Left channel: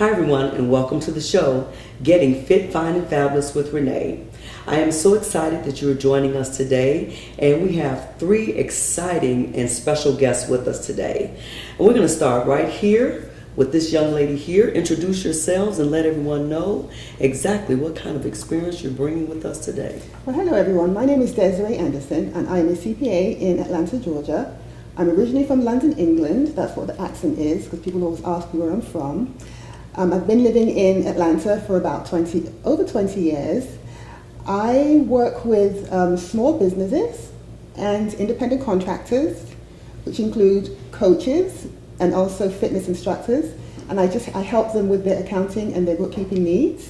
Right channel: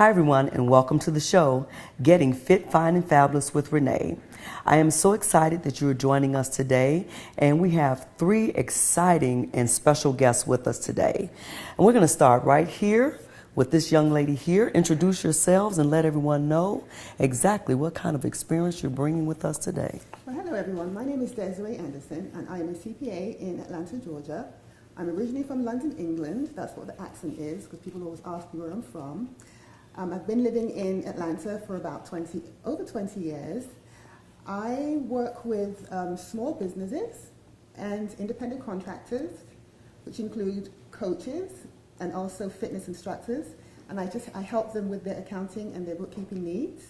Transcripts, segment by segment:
Hi everyone and welcome to the show, Getting Fit, Fine and Fabulous with Renee. I am so excited that you are joining us today, and we have three exciting and special guests with us today. And we're going to start right here with this young lady here. Introduce yourselves and let everyone know exactly what kind of experience you're bringing with us today. Well, hello everyone. My name is Desiree Anderson and I'm a CPA in Atlanta, Georgia. I'm originally from London, England. That's what the accent is because people always ask me where I'm from. I've been living in Atlanta for about over 20 years. I work with small businesses and independent contractors, which include coaches and also fitness instructors. And I help them with their accounting and their bookkeeping needs.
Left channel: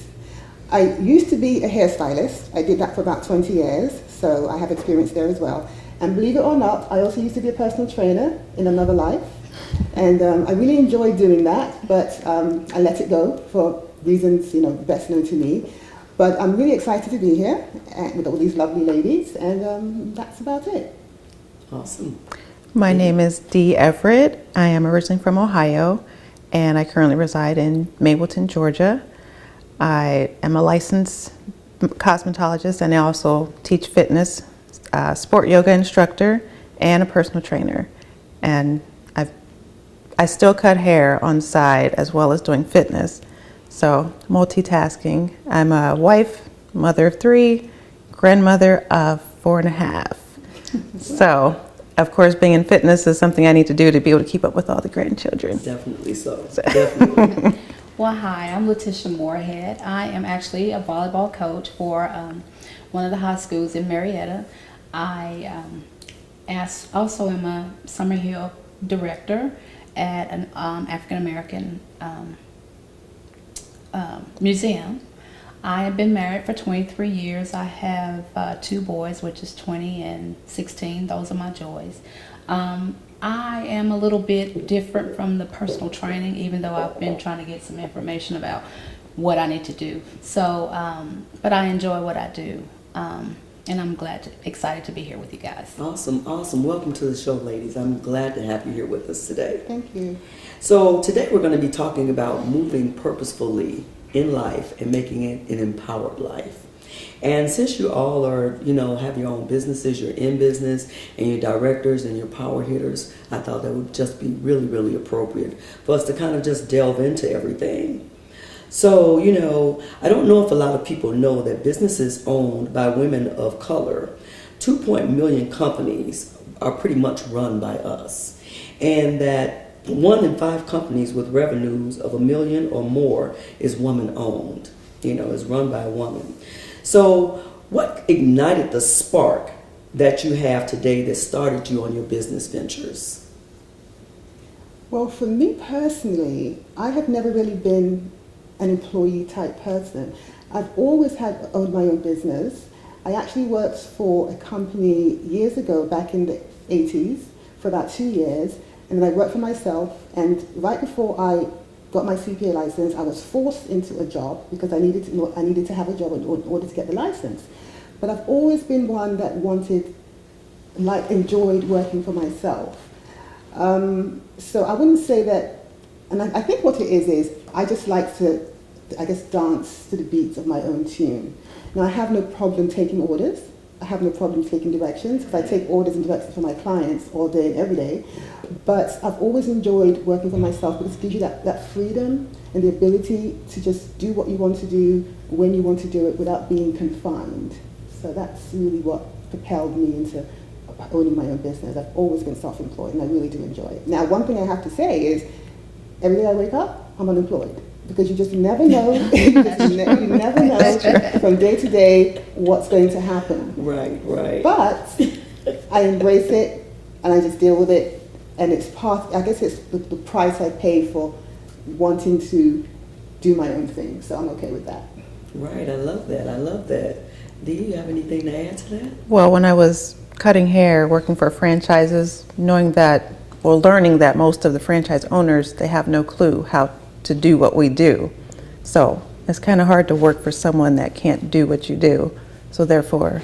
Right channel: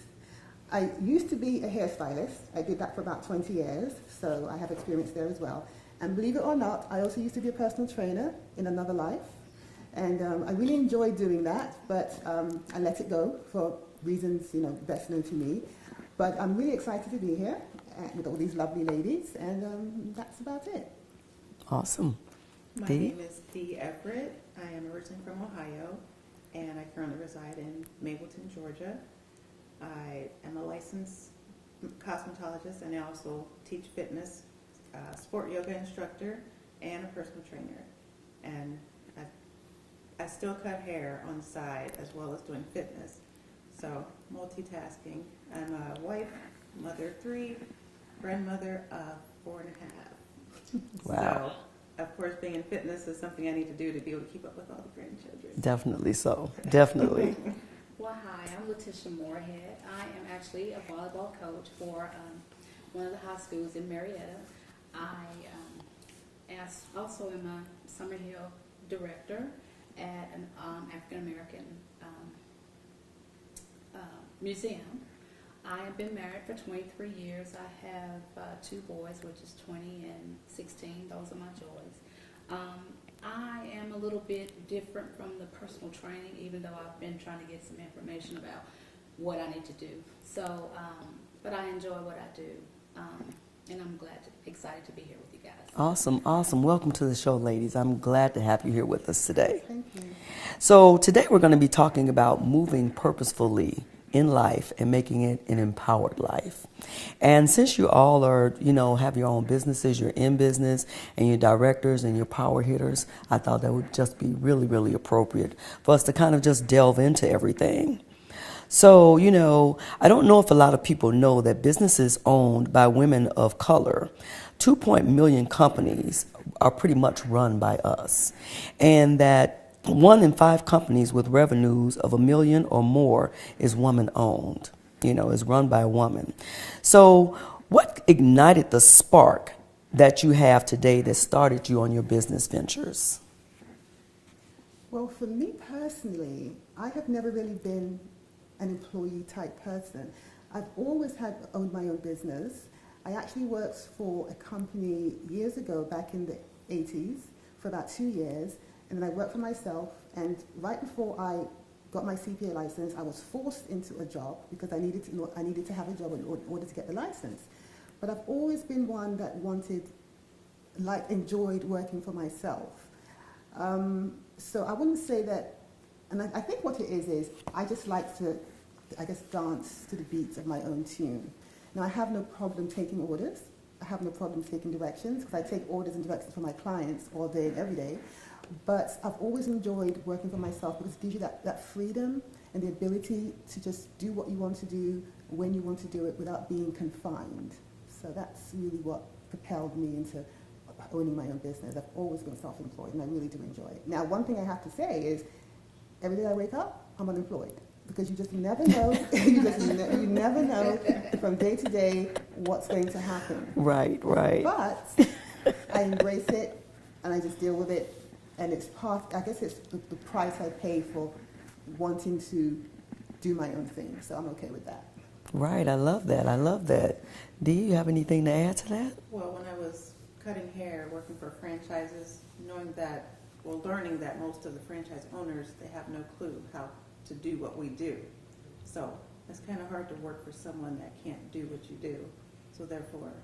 I used to be a hairstylist. I did that for about 20 years, so I have experience there as well. And believe it or not, I also used to be a personal trainer in another life. And I really enjoyed doing that, but I let it go for reasons, best known to me. But I'm really excited to be here with all these lovely ladies, and that's about it. Awesome. My name is Dee Everett. I am originally from Ohio, and I currently reside in Mableton, Georgia. I am a licensed cosmetologist, and I also teach fitness, sport yoga instructor, and a personal trainer. And I still cut hair on the side as well as doing fitness. So multitasking. I'm a wife, mother of 3, grandmother of 4.5. Wow. So of course being in fitness is something I need to do to be able to keep up with all the grandchildren. Definitely so. Definitely. Well, hi, I'm Letitia Moorhead. I am actually a volleyball coach for one of the high schools in Marietta. I also am a Summer Hill director at an African American museum. I have been married for 23 years. I have 2 boys, which is 20 and 16. Those are my joys. I am a little bit different from the personal training, even though I've been trying to get some information about what I need to do. So, but I enjoy what I do. And I'm excited to be here with you guys. Awesome, awesome. Welcome to the show, ladies. I'm glad to have you here with us today. Thank you. So today we're going to be talking about moving purposefully in life and making it an empowered life. And since you all are, have your own businesses, you're in business, and you're directors and you're power hitters, I thought that would just be really, really appropriate for us to kind of just delve into everything. So, I don't know if a lot of people know that businesses owned by women of color, 2 million companies are pretty much run by us. And that 1 in 5 companies with revenues of $1 million or more is woman owned, is run by a woman. So what ignited the spark that you have today that started you on your business ventures? Well, for me personally, I have never really been an employee type person. I've always owned my own business. I actually worked for a company years ago, back in the 80s, for about 2 years, and then I worked for myself, and right before I got my CPA license, I was forced into a job because I needed to have a job in order to get the license. But I've always been one that enjoyed working for myself. So I wouldn't say that, and I think what it is I just like to, dance to the beats of my own tune. Now, I have no problem taking orders. I have no problem taking directions because I take orders and directions for my clients all day and every day. But I've always enjoyed working for myself because it gives you that freedom and the ability to just do what you want to do when you want to do it without being confined. So that's really what propelled me into owning my own business. I've always been self-employed and I really do enjoy it. Now, one thing I have to say is every day I wake up, I'm unemployed. Because you just never know, you never know from day to day what's going to happen. Right. But I embrace it and I just deal with it. And it's it's the price I pay for wanting to do my own thing. So I'm okay with that. Right, I love that. Do you have anything to add to that? Well, when I was cutting hair, working for franchises, learning that most of the franchise owners, they have no clue how to do what we do. So it's kind of hard to work for someone that can't do what you do. So therefore,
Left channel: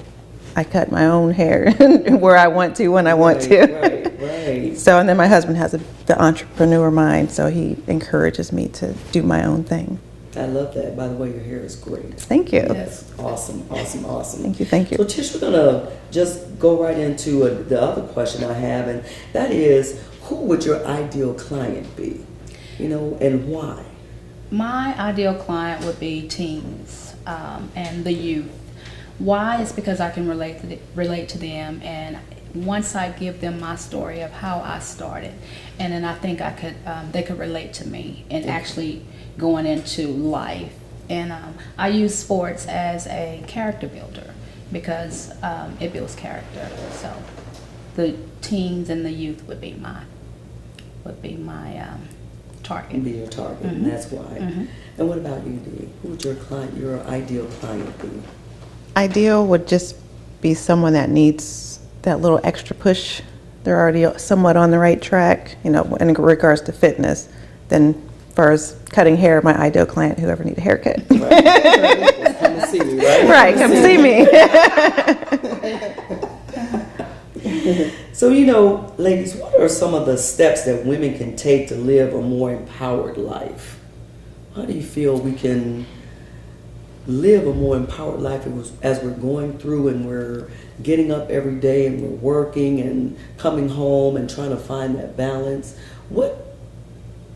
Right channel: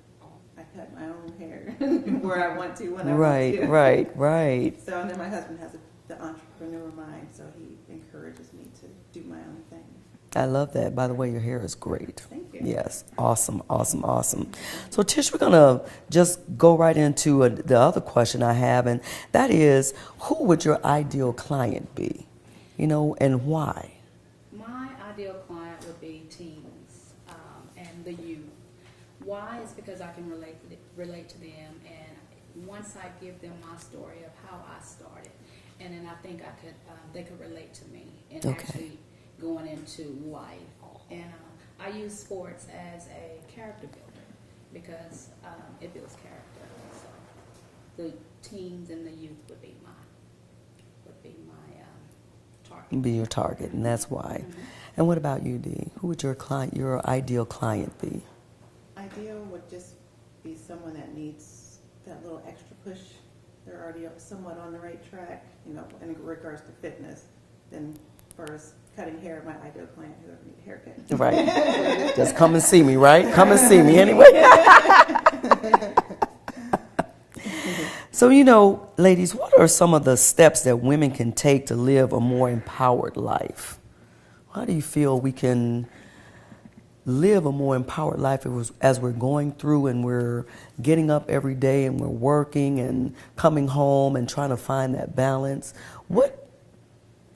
I cut my own hair where I want to, when I want to. Right. So, and then my husband has the entrepreneur mind, so he encourages me to do my own thing. I love that. By the way, your hair is great. Thank you. Yes, awesome. Thank you. So Tish, we're gonna just go right into the other question I have, and that is, who would your ideal client be? You know, and why? My ideal client would be teens and the youth. Why is because I can relate to them, and once I give them my story of how I started, and then I think they could relate to me and actually going into life. And I use sports as a character builder because it builds character. So the teens and the youth would be my target. Be your target, and that's why. And what about you, Dee? Who would your ideal client be? Ideal would just be someone that needs that little extra push. They're already somewhat on the right track, you know, in regards to fitness. Then, as far as cutting hair, my ideal client, whoever need a haircut. Right. Just come and see me, right? Right, come see me. So, you know, ladies, what are some of the steps that women can take to live a more empowered life? How do you feel we can live a more empowered life as we're going through and we're getting up every day and we're working and coming home and trying to find that balance? What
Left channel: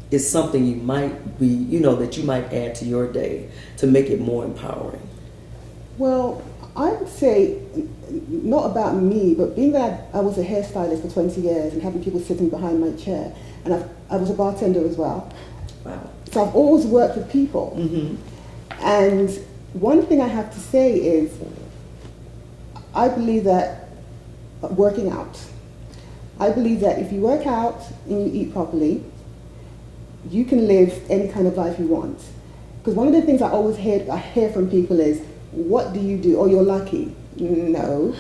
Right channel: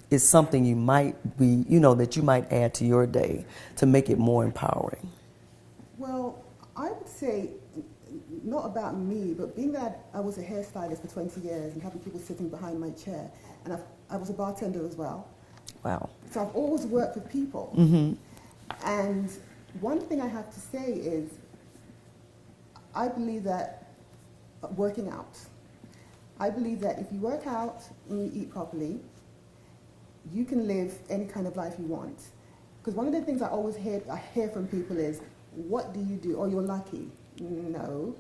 is something you might be, you know, that you might add to your day to make it more empowering? Well, I would say, not about me, but being that I was a hairstylist for 20 years and having people sitting behind my chair, and I was a bartender as well. Wow. So I've always worked with people. And one thing I have to say is, I believe that working out. I believe that if you work out and you eat properly, you can live any kind of life you want. Because one of the things I always hear from people is, what do you do? Oh, you're lucky. No,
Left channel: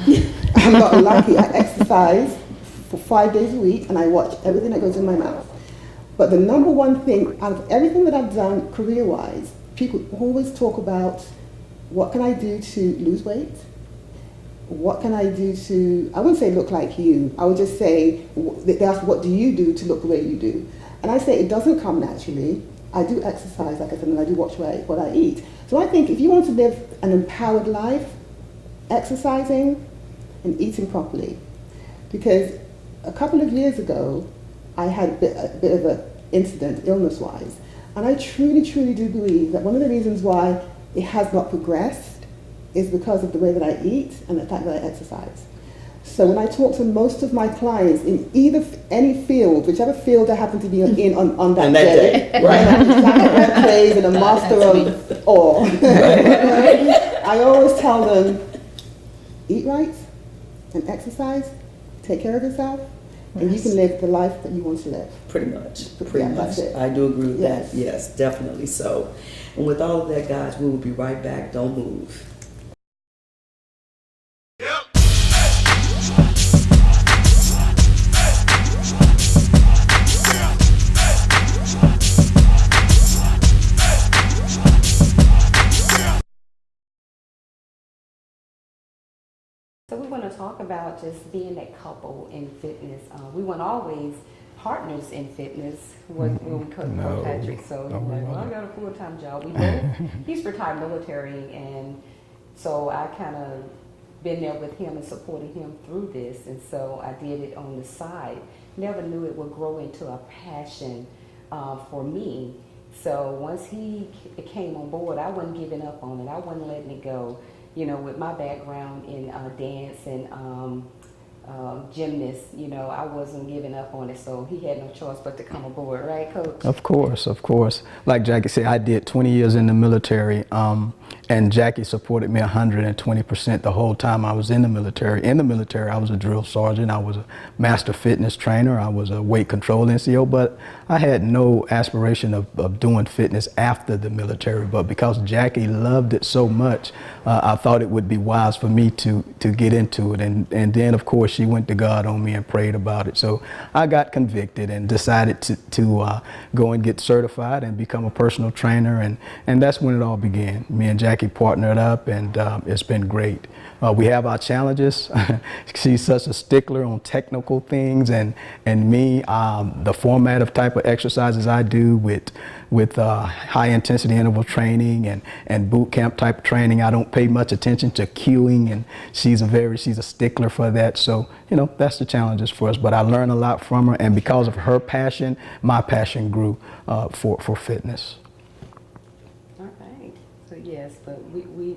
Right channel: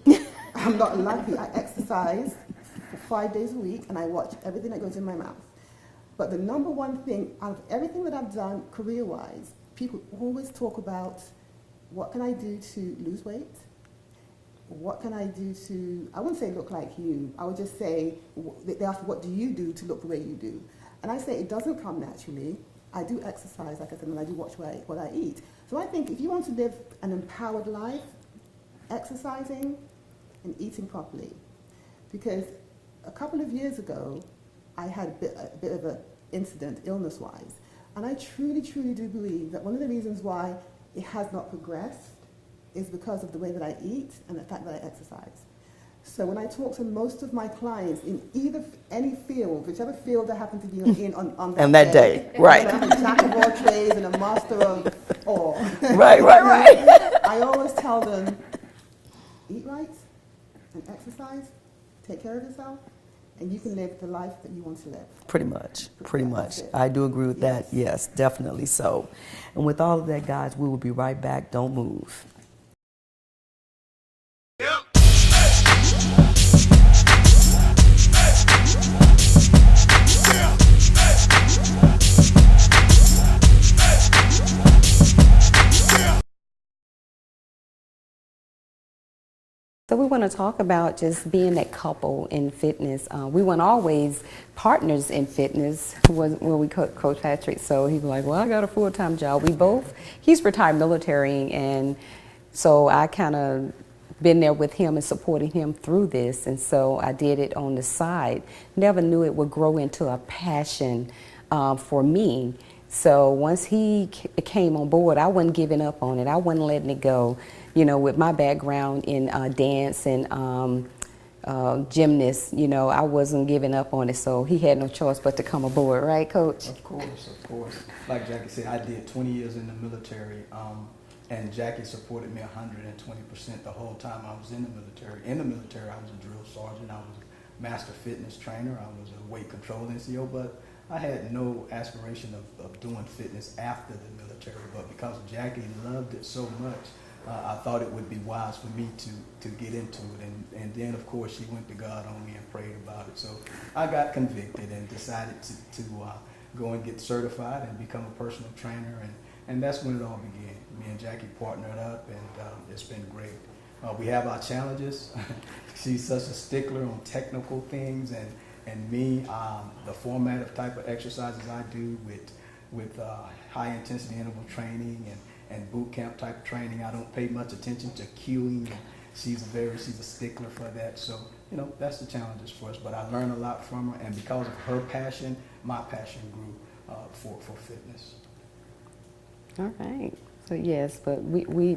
I'm not lucky. I exercise for 5 days a week and I watch everything that goes in my mouth. But the number one thing out of everything that I've done career-wise, people always talk about, what can I do to lose weight? What can I do to, I wouldn't say look like you, I would just say, they ask, what do you do to look the way you do? And I say, it doesn't come naturally. I do exercise, like I said, and I do watch what I eat. So I think if you want to live an empowered life, exercising and eating properly. Because a couple of years ago, I had a bit of an incident, illness-wise. And I truly, truly do believe that one of the reasons why it has not progressed is because of the way that I eat and the fact that I exercise. So when I talk to most of my clients in any field, whichever field I happen to be in on that day, right? I'm a trade and a master of all. Right. I always tell them, eat right and exercise, take care of yourself, and you can live the life that you want to live. Pretty much. That's it. I do agree with that. Yes, definitely so. And with all of that, guys, we will be right back. Don't move. So we want to talk about just being that couple in fitness. We weren't always partners in fitness when we Coach Patrick. So he's like, well, I got a full-time job. We both, he's retired military, and so I kind of been there with him and supporting him through this. And so I did it on the side. Never knew it would grow into a passion for me. So once he came on board, I wasn't giving up on it. I wasn't letting it go. You know, with my background in dance and gymnast, you know, I wasn't giving up on it. So he had no choice but to come aboard, right, Coach? Of course, of course. Like Jackie said, I did 20 years in the military, and Jackie supported me 120% the whole time I was in the military. In the military, I was a drill sergeant. I was a master fitness trainer. I was a weight control NCO, but I had no aspiration of doing fitness after the military. But because Jackie loved it so much, I thought it would be wise for me to get into it. And then, of course, she went to God on me and prayed about it. So I got convicted and decided to go and get certified and become a personal trainer. And that's when it all began. Me and Jackie partnered up, and it's been great. We have our challenges. She's such a stickler on technical things, and me, the format of type of exercises I do with high intensity interval training and boot camp type training, I don't pay much attention to cueing, and she's a stickler for that. So, you know, that's the challenges for us. But I learned a lot from her, and because of her passion, my passion grew for fitness. All right. So yes, but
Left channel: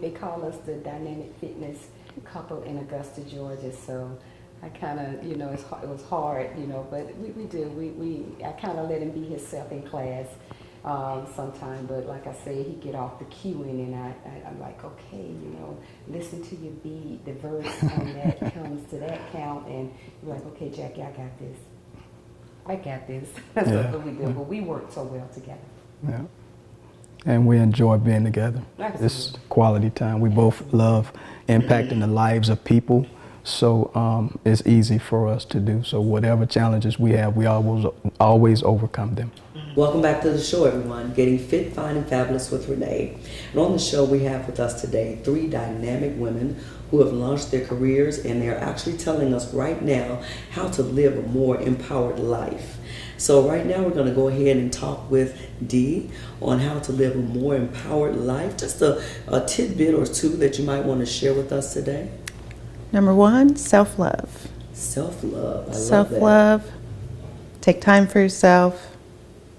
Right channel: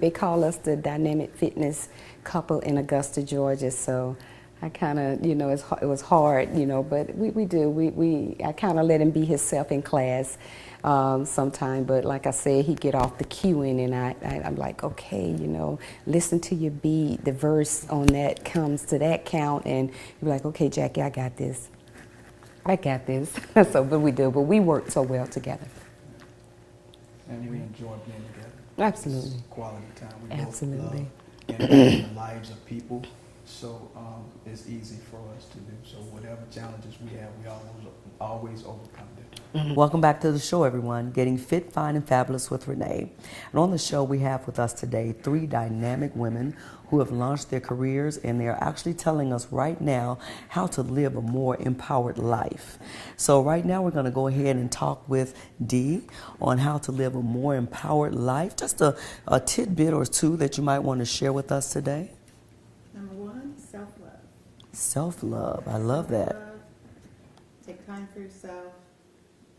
they call us the dynamic fitness couple in Augusta, Georgia. So I kind of, you know, it was hard, you know, but I kind of let him be himself in class sometime. But like I said, he get off the cueing, and I'm like, okay, you know, listen to your beat. The verse on that comes to that count, and you're like, okay, Jackie, I got this. So, but we work so well together. Yeah. And we enjoy being together. Absolutely. It's quality time. We both love impacting the lives of people, so it's easy for us to do. So whatever challenges we have, we always overcome them. Welcome back to the show, everyone. Getting Fit, Fine, and Fabulous with Renee. And on the show, we have with us today 3 dynamic women who have launched their careers, and they're actually telling us right now how to live a more empowered life. So right now, we're going to go ahead and talk with Dee on how to live a more empowered life. Just a tidbit or two that you might want to share with us today. Number 1, self-love. Self-love. I love that. Self-love. Take time for yourself.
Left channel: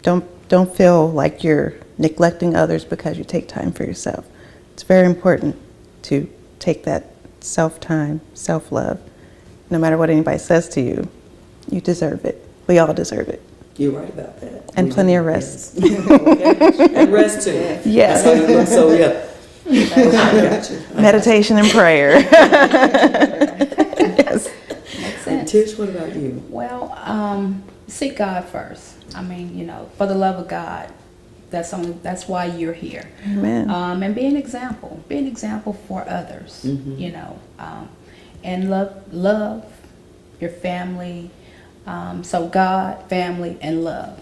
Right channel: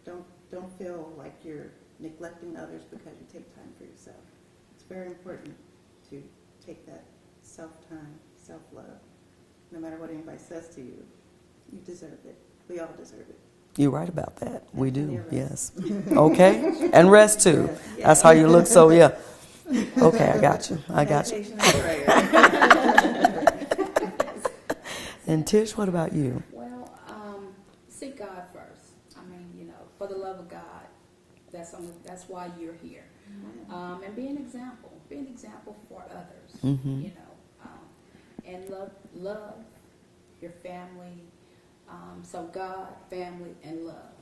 Don't feel like you're neglecting others because you take time for yourself. It's very important to take that self-time, self-love. No matter what anybody says to you, you deserve it. We all deserve it. You're right about that. And plenty of rest. Yes. Okay. And rest too. Yes. That's how you look. So yeah. Okay, I got you. Meditation and prayer. Yes. And Tish, what about you? Well, seek God first. I mean, you know, for the love of God, that's why you're here. Amen. And be an example for others. Mm-hmm. You know, and love your family. So God, family, and love.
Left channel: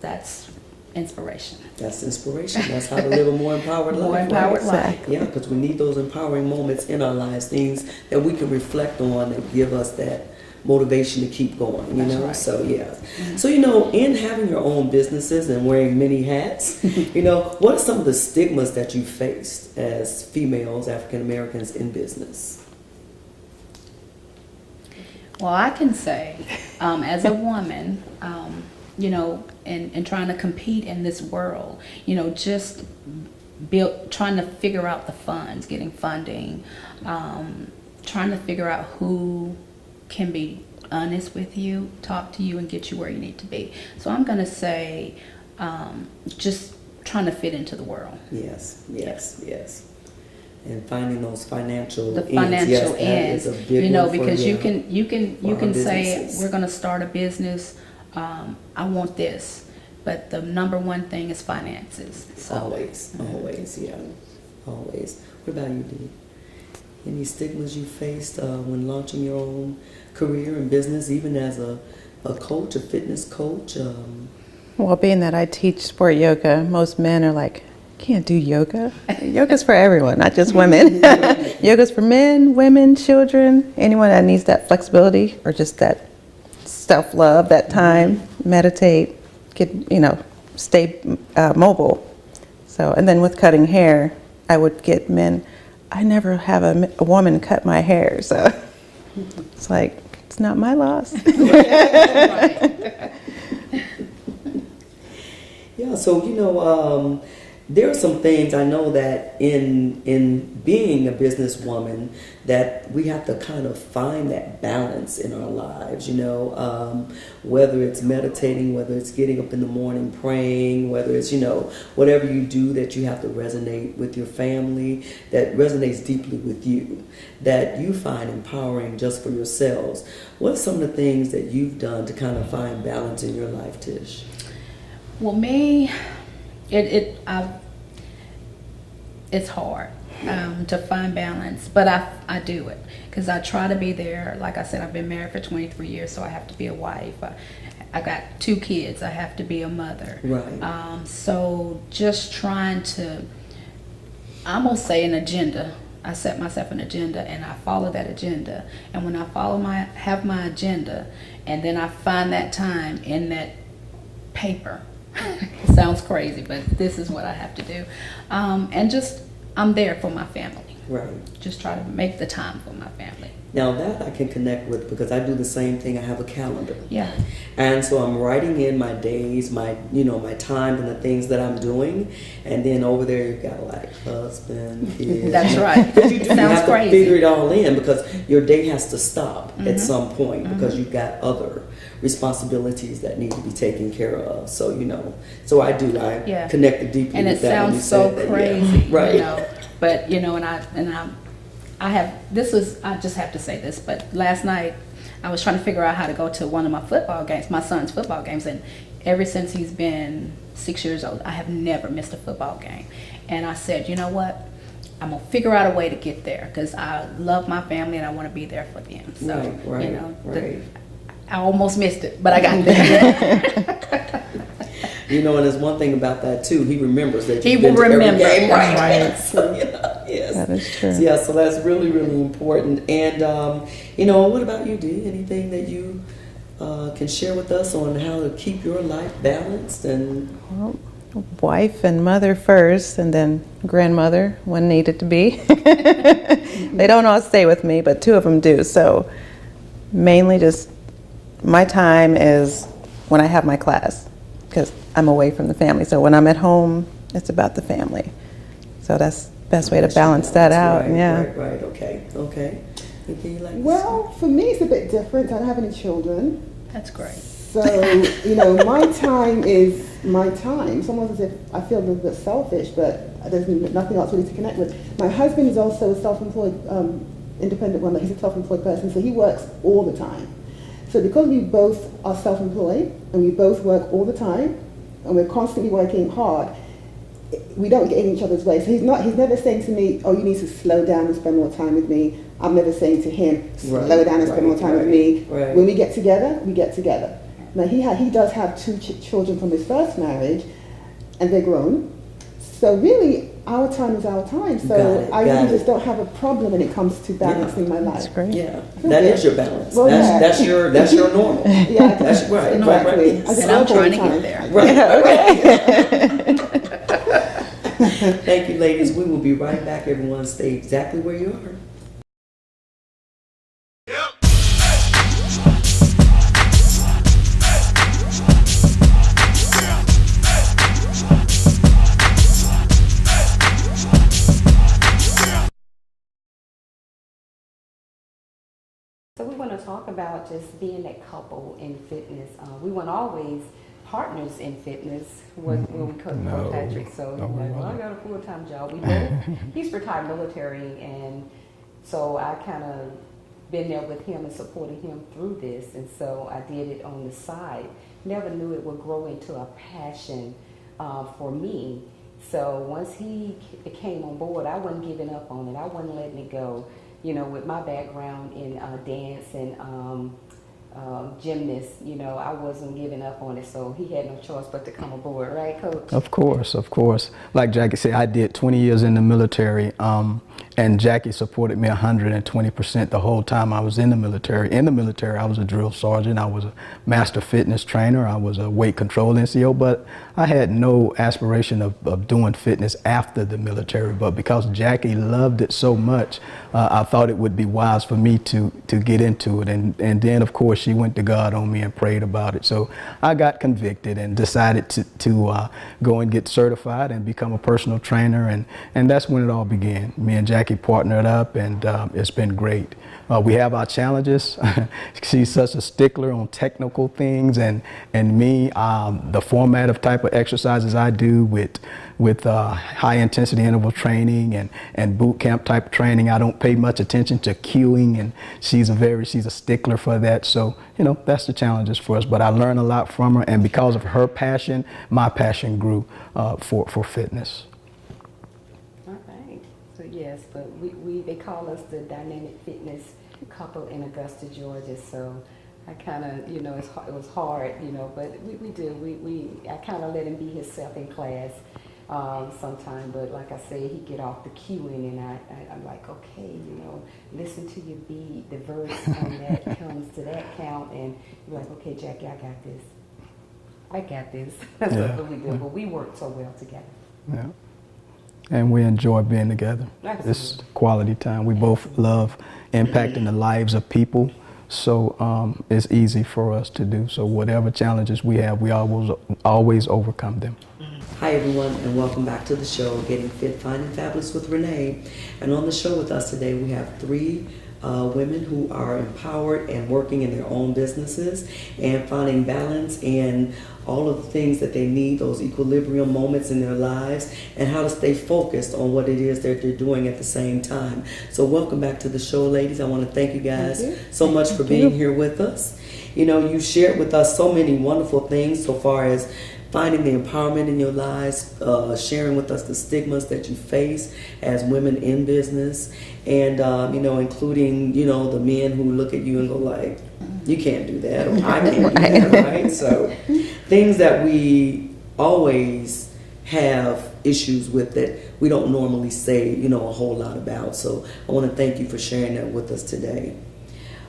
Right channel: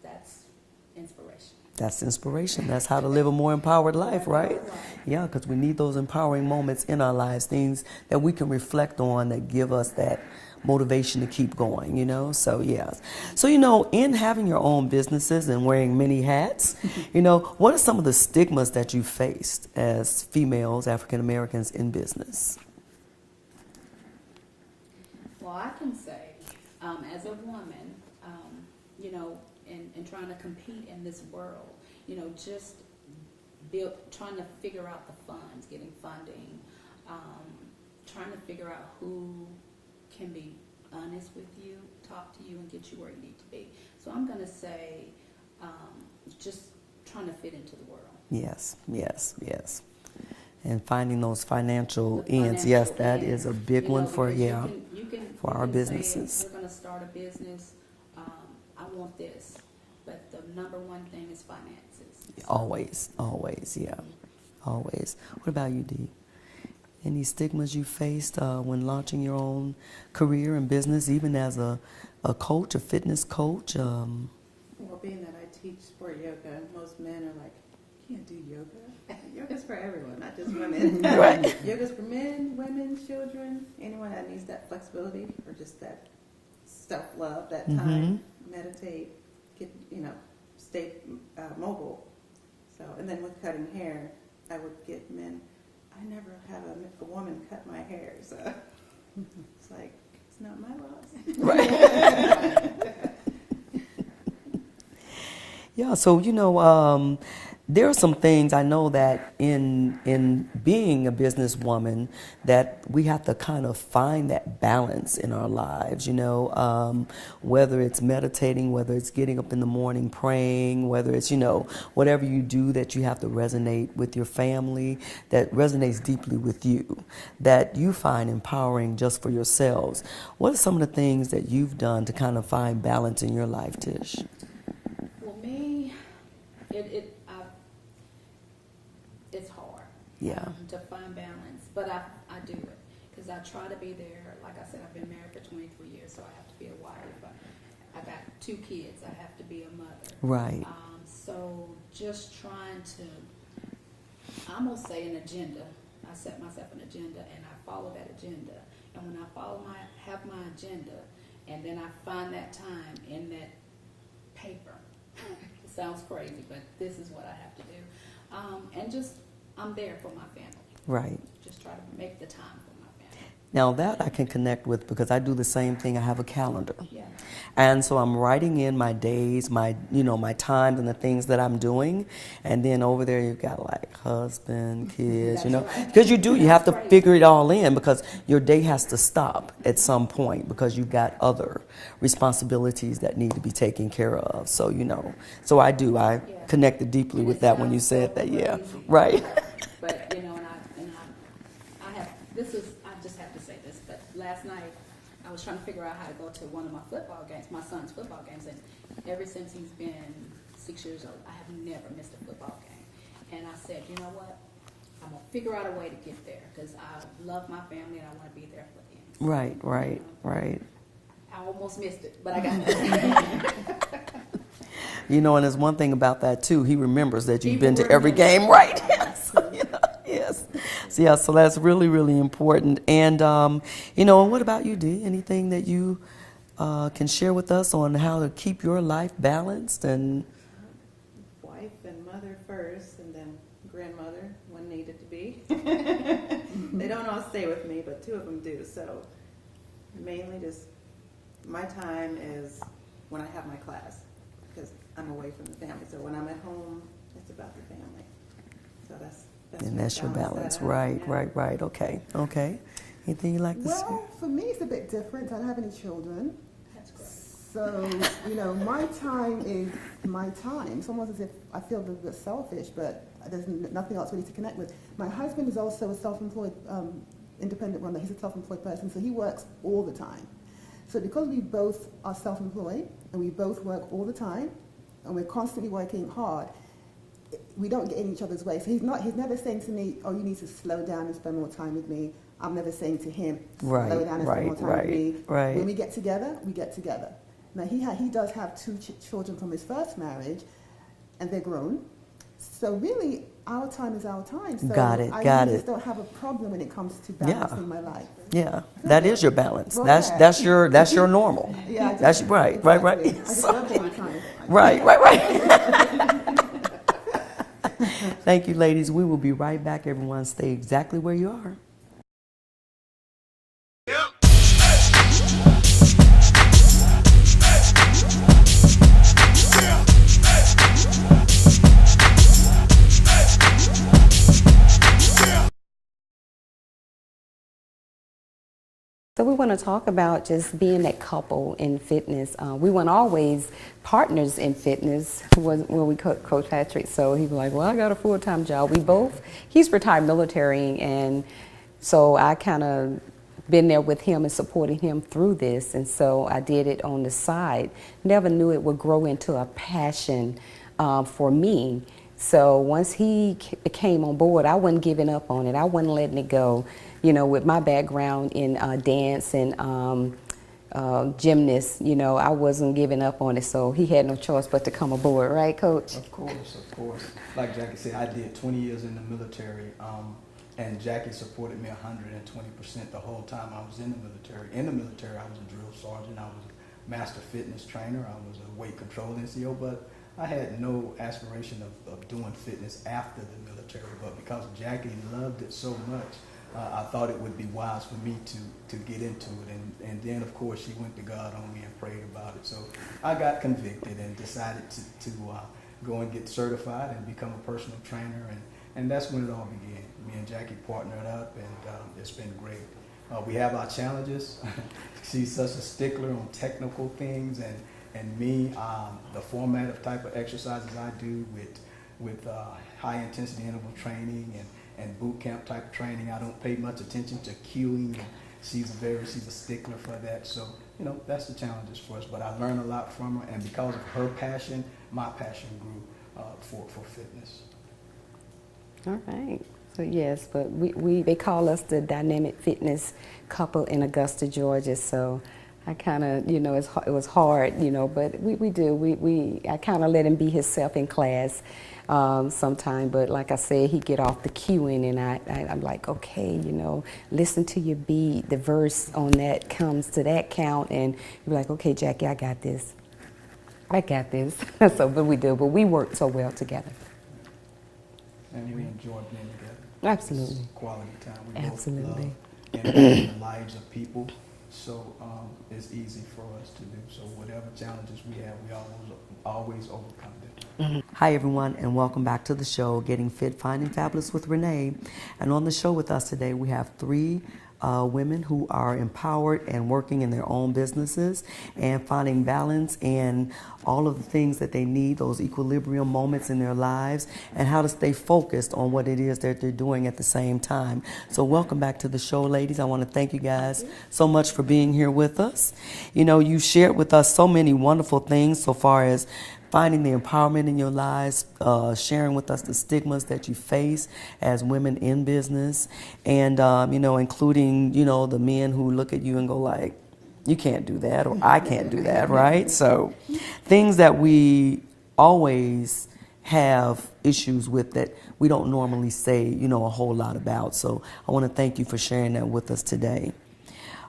That's inspiration. That's inspiration. That's how to live a more empowered life. More empowered right? life. Yeah, because we need those empowering moments in our lives, things that we can reflect on that give us that motivation to keep going, you That's know? right. So, yeah. So, you know, in having your own businesses and wearing many hats, you know, what are some of the stigmas that you faced as females, African Americans in business? Well, I can say, as a woman, you know, and trying to compete in this world, you know, just trying to figure out the funds, getting funding, trying to figure out who can be honest with you, talk to you, and get you where you need to be. So I'm going to say just trying to fit into the world. Yes. And finding those financial The ends. financial Yes, that ends, is a big you know, one for, because yeah, you can for our say businesses. we're going to start a business. I want this, but the number one thing is finances. So, Always, yeah, always. What about you, Dee? Any stigmas you faced when launching your own career and business, even as a coach, a fitness coach? Well, being that I teach sport yoga, most men are like, can't do yoga. Yoga's for everyone, not just women. Yoga's for men, women, children, anyone that needs that flexibility or just that self-love, that time, meditate, stay mobile. So, and then with cutting hair, I would get men. I never have a woman cut my hair, so it's like, it's not my loss. Yeah, so, you know, there are some things I know that in being a businesswoman that we have to kind of find that balance in our lives, you know, whether it's meditating, whether it's getting up in the morning praying, whether it's, you know, whatever you do that you have to resonate with your family, that resonates deeply with you, that you find empowering just for yourselves. What are some of the things that you've done to kind of find balance in your life, Tish? Well, me, it's hard. to find balance. But I do it because I try to be there. Like I said, I've been married for 23 years, so I have to be a wife. I got 2 kids. I have to be a mother. Right. So just trying to, I'm gonna say an agenda. I set myself an agenda and I follow that agenda. And when I have my agenda, and then I find that time in that paper. It sounds crazy, but this is what I have to do. And just, I'm there for my family. Right. Just try to make the time for my family. Now that I can connect with because I do the same thing. I have a calendar. Yeah. And so I'm writing in my days, my times and the things that I'm doing. And then over there you've got like husband, kids. That's right. Because you have to crazy. figure it all in because your day has to stop at some point because you've got other responsibilities that need to be taken care of. So, so I connected deeply and with it that when you sounds so said that. crazy. Yeah. Right. But I just have to say this, but last night I was trying to figure out how to go to one of my football games, my son's football games, and ever since he's been 6 years old, I have never missed a football game. And I said, you know what? I'm going to figure out a way to get there because I love my family and I want to be there for them. So, Right. I almost missed it, but I got there. And there's one thing about that too. He remembers that you've He been will to every remember. game, right? Right. So, yes. That is true. So, so that's really, really important. And what about you, Dee? Anything that you can share with us on how to keep your life balanced and? Well, wife and mother first, and then grandmother when needed to be. They don't all stay with me, but 2 of them do. So mainly just my time is when I have my class because I'm away from the family. So when I'm at home, it's about the family. So that's the best way to balance that out. Right, yeah. Right. Okay. Anything you like to say? Well, for me, it's a bit different. I don't have any children. That's great. So, my time is my time. It's almost as if I feel a little bit selfish, but there's nothing else really to connect with. My husband is also a self-employed, independent woman. He's a self-employed person, so he works all the time. So because we both are self-employed and we both work all the time and we're constantly working hard, we don't get in each other's way. So he's never saying to me, oh, you need to slow down and spend more time with me. I'm never saying to him, slow down and spend more time with me. Right. When we get together, we get together. Now he does have 2 children from his first marriage and they're grown. So really, our time is our time. So I really just don't have a problem when it comes to balancing my life. That's great. Yeah, that is your balance. Well, that's your normal. Yeah, That's right. exactly. Right. And I'm trying to get there. Right. Thank you, ladies. We will be right back. Everyone, stay exactly where you are. So we want to talk about just being that couple in fitness. We weren't always partners in fitness when we coached Patrick. So he was like, well, I got a full-time job. We both, he's retired military, and so I kind of been there with him and supporting him through this. And so I did it on the side. Never knew it would grow into a passion for me. So once he came on board, I wasn't giving up on it. I wasn't letting it go. With my background in dance and gymnast, I wasn't giving up on it. So he had no choice but to come aboard, right, Coach? Of course. Like Jackie said, I did 20 years in the military, and Jackie supported me 120% the whole time I was in the military. In the military, I was a drill sergeant. I was a master fitness trainer. I was a weight control NCO, but I had no aspiration of doing fitness after the military. But because Jackie loved it so much, I thought it would be wise for me to get into it. And then, of course, she went to God on me and prayed about it. So I got convicted and decided to go and get certified and become a personal trainer. And that's when it all began. Me and Jackie partnered up, and it's been great. We have our challenges. She's such a stickler on technical things, and me, the format of type of exercises I do with high intensity interval training and boot camp type training, I don't pay much attention to cueing, and she's a stickler for that. So that's the challenges for us. But I learned a lot from her, and because of her passion, my passion grew for fitness. All right. So yes, but they call us the dynamic fitness couple in Augusta, Georgia. So I kind of, you know, it was hard, you know, but I kind of let him be himself in class sometime. But like I said, he get off the cueing, and I'm like, okay, you know, listen to your beat. The verse on that comes to that count, and you're like, okay, Jackie, I got this. I got this. So, but we do. But we work so well together. Yeah. And we enjoy being together. Absolutely. It's quality time. We both love impacting the lives of people. So it's easy for us to do. So whatever challenges we have, we always overcome them. Hi everyone, and welcome back to the show, Getting Fit, Finding Fabulous with Renee. And on the show with us today, we have three women who are empowered and working in their own businesses and finding balance in all of the things that they need, those equilibrium moments in their lives, and how to stay focused on what it is that they're doing at the same time. So welcome back to the show, ladies. I want to thank you guys so much for being here with us. You know, you shared with us so many wonderful things so far as finding the empowerment in your lives, sharing with us the stigmas that you face as women in business, and you know, including, you know, the men who look at you and go like, you can't do that, or I can't do that, right? So things that we always have issues with that we don't normally say, you know, a whole lot about. So I want to thank you for sharing that with us today.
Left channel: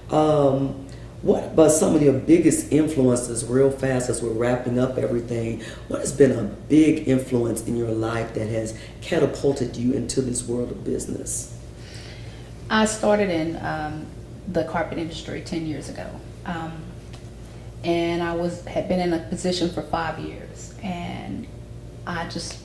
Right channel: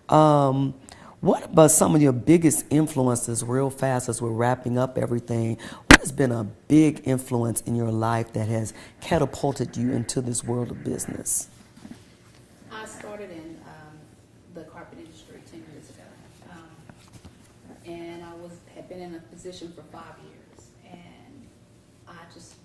What about some of your biggest influences, real fast as we're wrapping up everything? What has been a big influence in your life that has catapulted you into this world of business? I started in the carpet industry 10 years ago. And I had been in a position for 5 years, and I just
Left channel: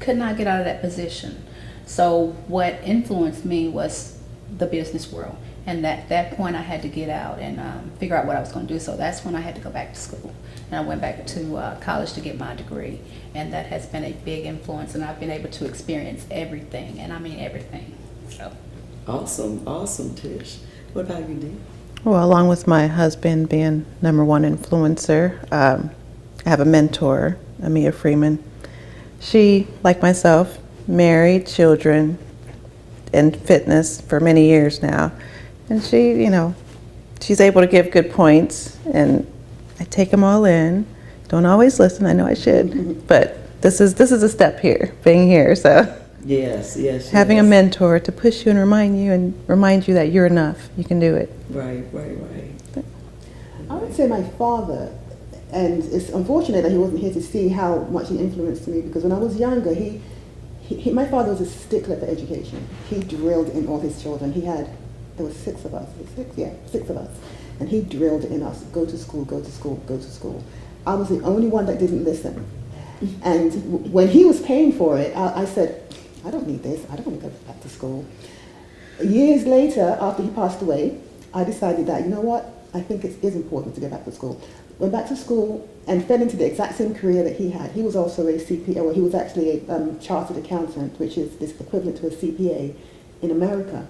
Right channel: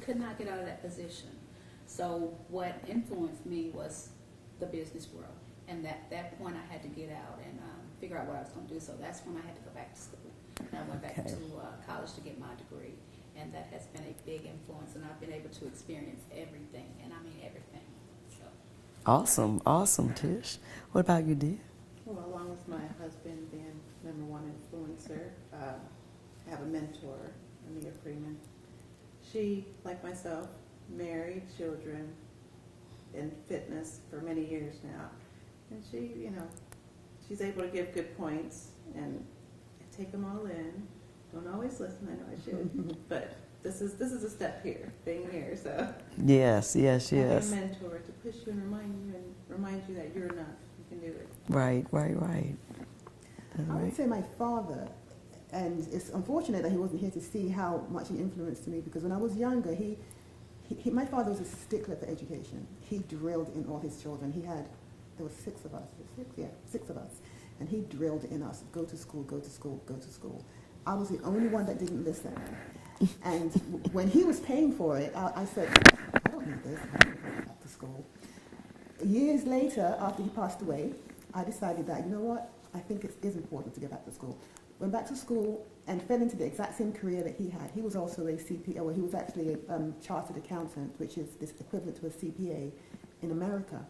could not get out of that position. So what influenced me was the business world. And at that point, I had to get out and figure out what I was going to do. So that's when I had to go back to school. And I went back to college to get my degree. And that has been a big influence. And I've been able to experience everything. And I mean everything. So. Awesome. Awesome, Tish. What about you, Dee? Well, along with my husband being #1 influencer, I have a mentor, Amia Freeman. She, like myself, married, children, and fitness for many years now. And she, you know, she's able to give good points, and I take them all in. Don't always listen. I know I should, but this is a step here, being here. So Yes. having a mentor to push you and remind you that you're enough. You can do it. Right. I would say my father, and it's unfortunate that he wasn't here to see how much he influenced me, because when I was younger, my father was a stickler for education. He drilled in all his children. There were 6 of us. 6 of us. And he drilled in us, go to school, go to school, go to school. I was the only one that didn't listen. And when he was paying for it, I said, I don't need this. I don't want to go back to school. Years later, after he passed away, I decided that, you know what, I think it is important to get back to school. Went back to school and fell into the exact same career that he had. He was also a CPA, well, he was actually a chartered accountant, which is this equivalent to a CPA in America.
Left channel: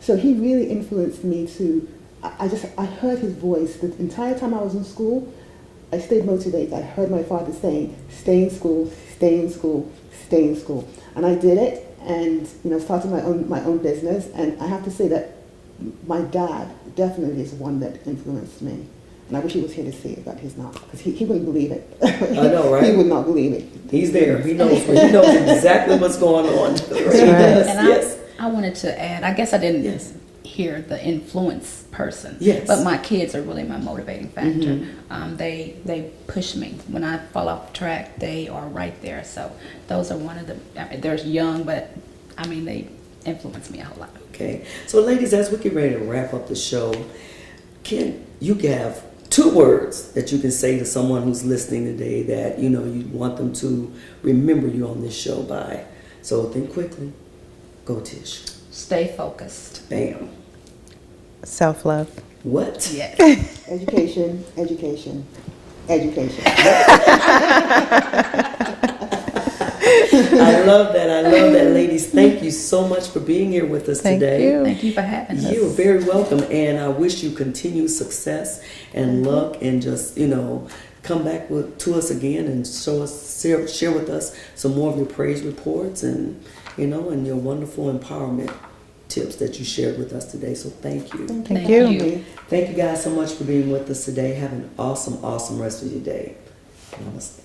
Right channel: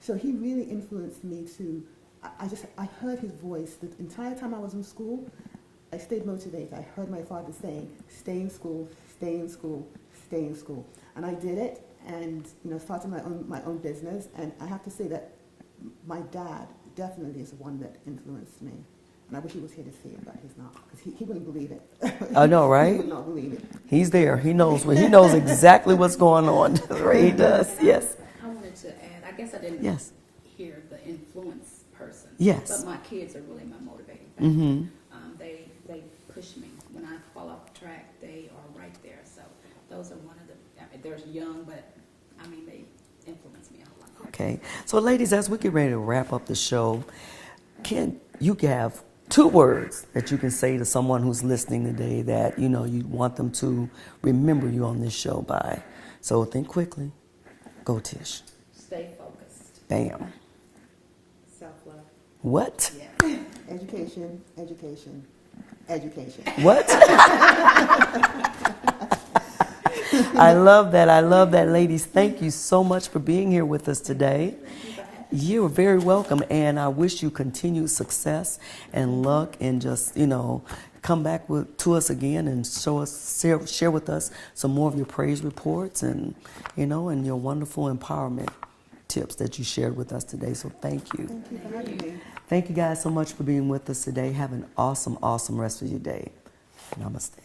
So he really influenced me to, I heard his voice. The entire time I was in school, I stayed motivated. I heard my father saying, stay in school, stay in school, stay in school. And I did it, and, you know, started my own business. And I have to say that my dad definitely is the one that influenced me. And I wish he was here to see it, but he's not, because he wouldn't believe it. I know, right? He would not believe it. He's there. He knows exactly what's going on. He does. And Yes. I wanted to add, I guess I didn't hear the influence person. Yes. But my kids are really my motivating factor. They push me. When I fall off the track, they are right there. So those are one of the, they're young, but I mean, they influence me a whole lot. Okay. So ladies, as we get ready to wrap up the show, can you give 2 words that you can say to someone who's listening today that, you know, you want them to remember you on this show by? So think quickly. Go, Tish. Stay focused. Bam. Self-love. What? Yes. Education, education, education. I love that. Ladies. Thank you so much for being here with us Thank today. you. Thank you for having us. You are very welcome, and I wish you continued success and luck, and just, you know, come back to us again and share with us some more of your praise reports, and and your wonderful empowerment tips that you shared with us today. So thank you. Thank you. Thank you guys so much for being with us today. Have an awesome, awesome rest of your day. Namaste.